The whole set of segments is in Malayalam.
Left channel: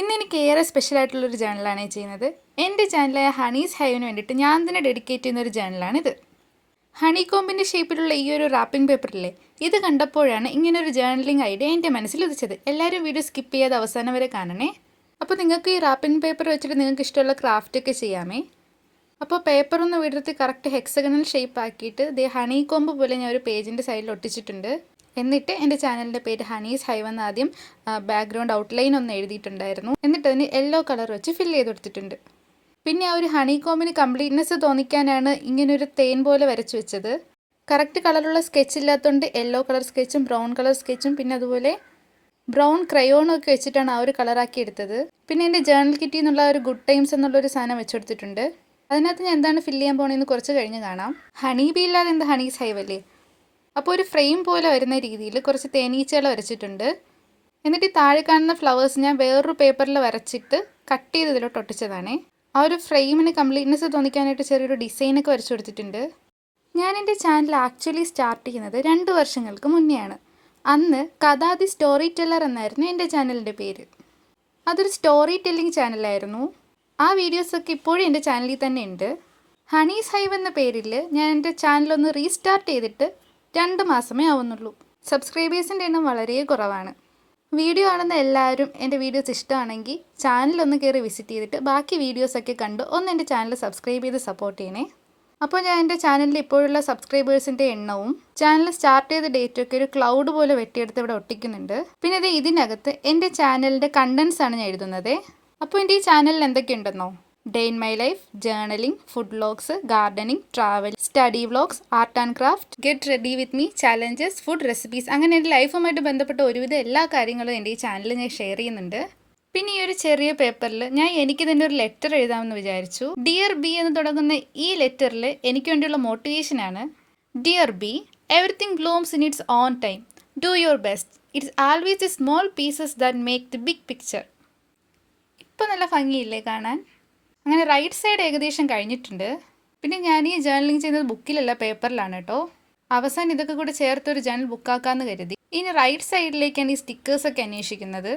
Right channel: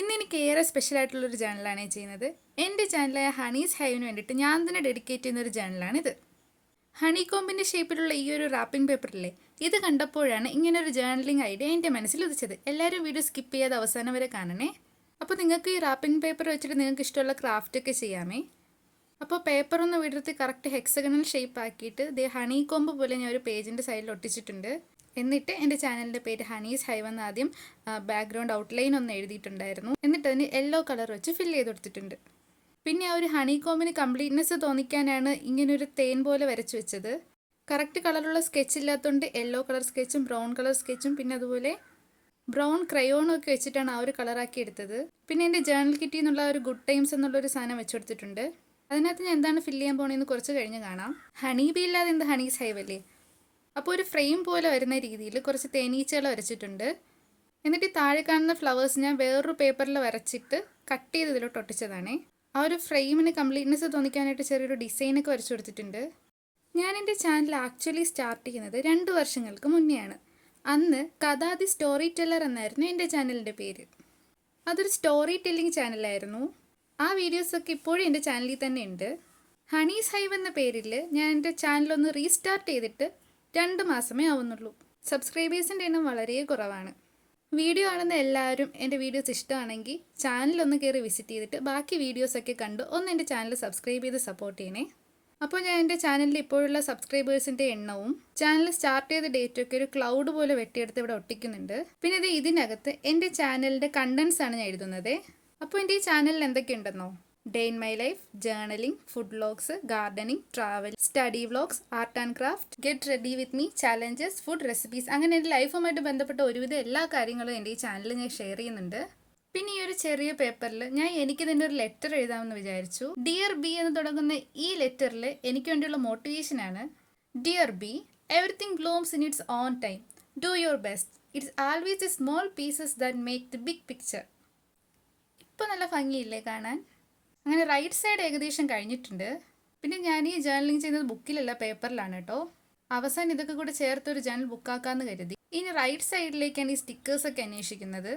ഇന്ന് എനിക്ക് ഏറെ സ്പെഷ്യൽ ആയിട്ടുള്ളൊരു ജേണലാണ് ചെയ്യുന്നത്. എന്റെ ചാനലായ ഹണീസ് ഹൈവിന് വേണ്ടിയിട്ട് ഞാൻ തന്നെ ഡെഡിക്കേറ്റ് ചെയ്യുന്ന ഒരു ജേണലാണിത് ഹണി കോമ്പിന്റെ ഷേപ്പിലുള്ള ഈ ഒരു റാപ്പിംഗ് പേപ്പറില്ലേ ഇത് കണ്ടപ്പോഴാണ് ഇങ്ങനൊരു ജേണലിംഗ് ഐഡിയ എന്റെ മനസ്സിൽ ഉദിച്ചത്. എല്ലാവരും വീഡിയോ സ്കിപ്പ് ചെയ്യാതെ അവസാനം വരെ കാണണേ. അപ്പോൾ നിങ്ങൾക്ക് ഈ റാപ്പിംഗ് പേപ്പർ വെച്ചിട്ട് നിങ്ങൾക്ക് ഇഷ്ടമുള്ള ക്രാഫ്റ്റ് ഒക്കെ ചെയ്യാമേ. അപ്പോൾ പേപ്പർ ഒന്ന് വിടർത്തി കറക്റ്റ് ഹെക്സഗണൽ ഷേപ്പ് ആക്കിയിട്ട് ദേ ഹണി കോമ്പ് പോലെ ഞാൻ ഒരു പേജിന്റെ സൈഡിൽ ഒട്ടിച്ചിട്ടുണ്ട്. എന്നിട്ട് എന്റെ ചാനലിന്റെ പേര് ഹണീസ് ഹൈവ് എന്ന് ആദ്യം ബാക്ക്ഗ്രൗണ്ട് ഔട്ട്ലൈൻ ഒന്ന് എഴുതിയിട്ടുണ്ടായിരുന്നു. എന്നിട്ട് അതിന് യെല്ലോ കളർ വെച്ച് ഫില്ല് ചെയ്ത് കൊടുത്തിട്ടുണ്ട് പിന്നെ ആ ഒരു ഹണി കോമിന് കംപ്ലീറ്റ്നെസ് തോന്നിക്കാനാണ് ഇങ്ങനൊരു തേൻ പോലെ വരച്ചു വെച്ചത്. കറക്റ്റ് കളറുള്ള സ്കെച്ച് ഇല്ലാത്തതുകൊണ്ട് യെല്ലോ കളർ സ്കെച്ചും ബ്രൗൺ കളർ സ്കെച്ചും പിന്നെ അതുപോലെ ബ്രൗൺ ക്രയോണും ഒക്കെ വെച്ചിട്ടാണ് ആ ഒരു കളറാക്കി എടുത്തത്. പിന്നെ എന്റെ ജേണൽ കിറ്റി എന്നുള്ള ഒരു ഗുഡ് ടൈംസ് എന്നുള്ളൊരു സാധനം വെച്ചെടുത്തിട്ടുണ്ട്. അതിനകത്ത് ഞാൻ എന്താണ് ഫില്ല് ചെയ്യാൻ പോകണമെന്ന് കുറച്ച് കഴിഞ്ഞ് കാണാം. ഹണി ബി ഇല്ലാതെ എന്ത് ഹണീസ് ഹൈവ് അല്ലേ? അപ്പോൾ ഒരു ഫ്രെയിം പോലെ വരുന്ന രീതിയിൽ കുറച്ച് തേനീച്ചകൾ വരച്ചിട്ടുണ്ട്. എന്നിട്ട് ഈ താഴെ കാണുന്ന ഫ്ലവേഴ്സ് ഞാൻ വേറൊരു പേപ്പറിൽ വരച്ചിട്ട് കട്ട് ചെയ്ത് ഇതിലോട്ട് ഒട്ടിച്ചതാണേ. ആ ഒരു ഫ്രെയിമിന് കംപ്ലീറ്റ്നെസ് തോന്നിക്കാനായിട്ട് ചെറിയൊരു ഡിസൈനൊക്കെ വരച്ചു കൊടുത്തിട്ടുണ്ട്. ഞാൻ എന്റെ ചാനൽ ആക്ച്വലി സ്റ്റാർട്ട് ചെയ്യുന്നത് രണ്ട് വർഷങ്ങൾക്ക് മുന്നെയാണ്. അന്ന് കഥാദി സ്റ്റോറി ടെല്ലർ എന്നായിരുന്നു എന്റെ ചാനലിന്റെ പേര്. അതൊരു സ്റ്റോറി ടെല്ലിംഗ് ചാനലായിരുന്നു ആ വീഡിയോസൊക്കെ ഇപ്പോഴും എന്റെ ചാനലിൽ തന്നെ ഉണ്ട്. ഹണീസ് ഹൈവ് എന്ന പേരിൽ ഞാൻ എന്റെ ചാനലൊന്ന് റീസ്റ്റാർട്ട് ചെയ്തിട്ട് രണ്ട് മാസമേ ആവുന്നുള്ളൂ. സബ്സ്ക്രൈബേഴ്സിന്റെ എണ്ണം വളരെ കുറവാണ്. വീഡിയോ കാണുന്ന എല്ലാവരും എന്റെ വീഡിയോസ് ഇഷ്ടമാണെങ്കിൽ ചാനലൊന്ന് കയറി വിസിറ്റ് ചെയ്തിട്ട് ബാക്കി വീഡിയോസൊക്കെ കണ്ട് ഒന്ന് എന്റെ ചാനൽ സബ്സ്ക്രൈബ് ചെയ്ത് സപ്പോർട്ട് ചെയ്യണേ. അപ്പോൾ ഞാൻ എന്റെ ചാനലിൽ ഇപ്പോഴുള്ള സബ്സ്ക്രൈബേഴ്സിന്റെ എണ്ണവും ചാനൽ സ്റ്റാർട്ട് ചെയ്ത ഡേറ്റൊക്കെ ഒരു ക്ലൗഡ് പോലെ വെട്ടിയെടുത്ത് ഇവിടെ ഒട്ടിക്കുന്നുണ്ട്. പിന്നെ ഇത് ഇതിനകത്ത് എന്റെ ചാനലിന്റെ കണ്ടൻസ് ആണ് ഞാൻ എഴുതുന്നത്. അപ്പോൾ എന്റെ ഈ ചാനലിൽ എന്തൊക്കെയുണ്ടെന്നോ day in my life journaling food vlogs gardening travel study vlogs art and craft get ready with me challenges food recipes അങ്ങനെ എന്റെ ലൈഫുമായിട്ട് ബന്ധപ്പെട്ട ഒരുവിധ എല്ലാ കാര്യങ്ങളും എന്റെ ഈ ചാനലിൽ ഞാൻ ഷെയർ ചെയ്യുന്നുണ്ട്. പിന്നെ ഈ ഒരു ചെറിയ പേപ്പറിൽ ഞാൻ എനിക്ക് തന്നെ ഒരു ലെറ്റർ എഴുതാമെന്ന് വിചാരിച്ചു. ഡിയർ ബി എന്ന് തുടങ്ങുന്ന ഈ ലെറ്ററിൽ എനിക്ക് വേണ്ടിയുള്ള മോട്ടിവേഷനാണ് dear be everything blooms in its own time do your best it's always the small pieces that make the big picture ഇപ്പം നല്ല ഭംഗിയില്ലേ കാണാൻ? അങ്ങനെ റൈറ്റ് സൈഡ് ഏകദേശം കഴിഞ്ഞിട്ടുണ്ട്. പിന്നെ ഞാൻ ഈ ജേർണലിങ് ചെയ്യുന്നത് ബുക്കിലല്ല പേപ്പറിലാണ് കേട്ടോ അവസാനം ഇതൊക്കെ കൂടെ ചേർത്ത് ഒരു ജേർണൽ ബുക്കാക്കാന്ന് കരുതി. ഇനി റൈറ്റ് സൈഡിലേക്കാണ് ഈ സ്റ്റിക്കേഴ്സൊക്കെ അന്വേഷിക്കുന്നത്.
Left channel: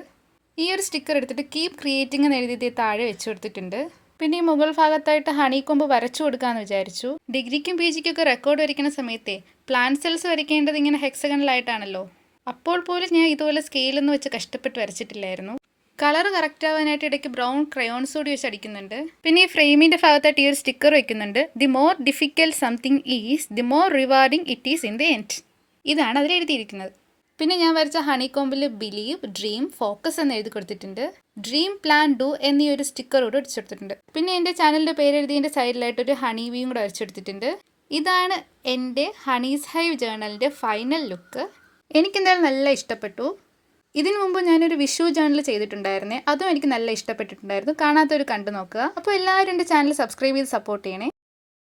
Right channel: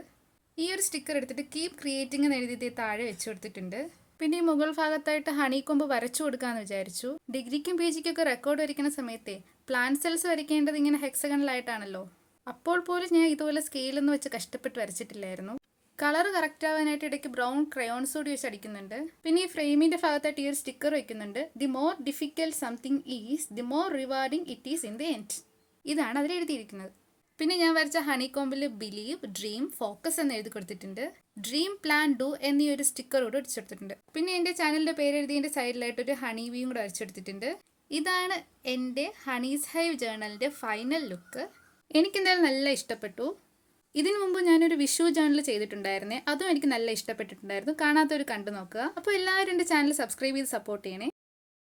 ഈ ഒരു സ്റ്റിക്കർ എടുത്തിട്ട് കീപ് ക്രിയേറ്റിംഗ് എന്ന് എഴുതി താഴെ വെച്ച് കൊടുത്തിട്ടുണ്ട്. പിന്നെ ഈ മുകൾ ഭാഗത്തായിട്ട് ഹണി കൊമ്പ് വരച്ചു കൊടുക്കാമെന്ന് വിചാരിച്ചു. ഡിഗ്രിക്കും പി ജിക്കും ഒക്കെ റെക്കോർഡ് വരയ്ക്കുന്ന സമയത്തെ പ്ലാൻ സെൽസ് വരയ്ക്കേണ്ടത് ഇങ്ങനെ ഹെക്സഗണലായിട്ടാണല്ലോ അപ്പോൾ പോലും ഞാൻ ഇതുപോലെ സ്കെയിലെന്ന് വെച്ച് കഷ്ടപ്പെട്ട് വരച്ചിട്ടില്ലായിരുന്നു. കളർ കറക്റ്റ് ആവാനായിട്ട് ഇടയ്ക്ക് ബ്രൗൺ ക്രയോൺസ് കൂടി വെച്ച് അടിക്കുന്നുണ്ട്. പിന്നെ ഈ ഫ്രെയിമിന്റെ ഭാഗത്തായിട്ട് ഈ ഒരു സ്റ്റിക്കർ വെക്കുന്നുണ്ട്. The more difficult something is the more rewarding it is in the end ഇതാണ് അതിൽ എഴുതിയിരിക്കുന്നത്. പിന്നെ ഞാൻ വരച്ച ഹണി കോമ്പിൽ ബിലീവ് ഡ്രീം ഫോക്കസ് എന്ന് എഴുതി കൊടുത്തിട്ടുണ്ട്. ഡ്രീം പ്ലാൻ ഡു എന്നീ ഒരു സ്റ്റിക്കർ കൂടെ അടിച്ചെടുത്തിട്ടുണ്ട് പിന്നെ എന്റെ ചാനലിന്റെ പേര് എഴുതിയതിന്റെ സൈഡിലായിട്ട് ഒരു ഹണി വീയും കൂടെ വരച്ചെടുത്തിട്ടുണ്ട് ഇതാണ് എന്റെ ഹണീസ് ഹൈവ് ജേണലിന്റെ ഫൈനൽ ലുക്ക് എനിക്കെന്തായാലും നല്ല ഇഷ്ടപ്പെട്ടു. ഇതിനു മുമ്പ് ഞാനൊരു വിഷു ചാനൽ ചെയ്തിട്ടുണ്ടായിരുന്നേ. അതും എനിക്ക് നല്ല ഇഷ്ടപ്പെട്ടിട്ടുണ്ടായിരുന്നു. കാണാത്തവർ കണ്ടു നോക്കുക. അപ്പോൾ എല്ലാവരും എന്റെ ചാനൽ സബ്സ്ക്രൈബ് ചെയ്ത് സപ്പോർട്ട് ചെയ്യണേ.